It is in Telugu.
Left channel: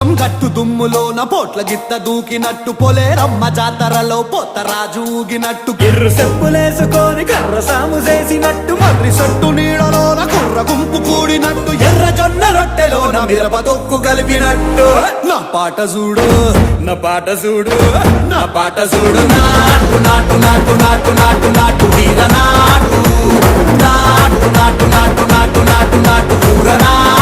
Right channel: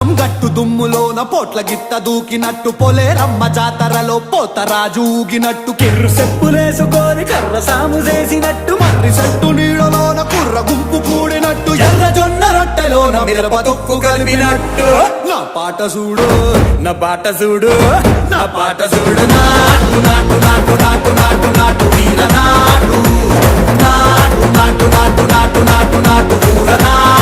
గట్టు దుమ్ములోన పోట్ల గిత్త దూకినట్టు పొలేరమ్మ జాతరలో పోతరాజు ఊగినట్టు కిర్రు చెప్పులేసుకొని కర్ర సాము చేసినట్టు మర్రి సొట్టు నీడలోన కుర్ర గుంపు కూడినట్టు ఎర్ర జొన్న రొట్టెలోన మిరప దొక్కు కలిపినట్టు నా పాట చూడు నా పాట చూడు నా పాట చూడు నాటు నాటు నాటు నాటు నాటు నాటు వీర నాటు నాటు నాటు నాటు నాటు నాటు నాటు ఊర నాటు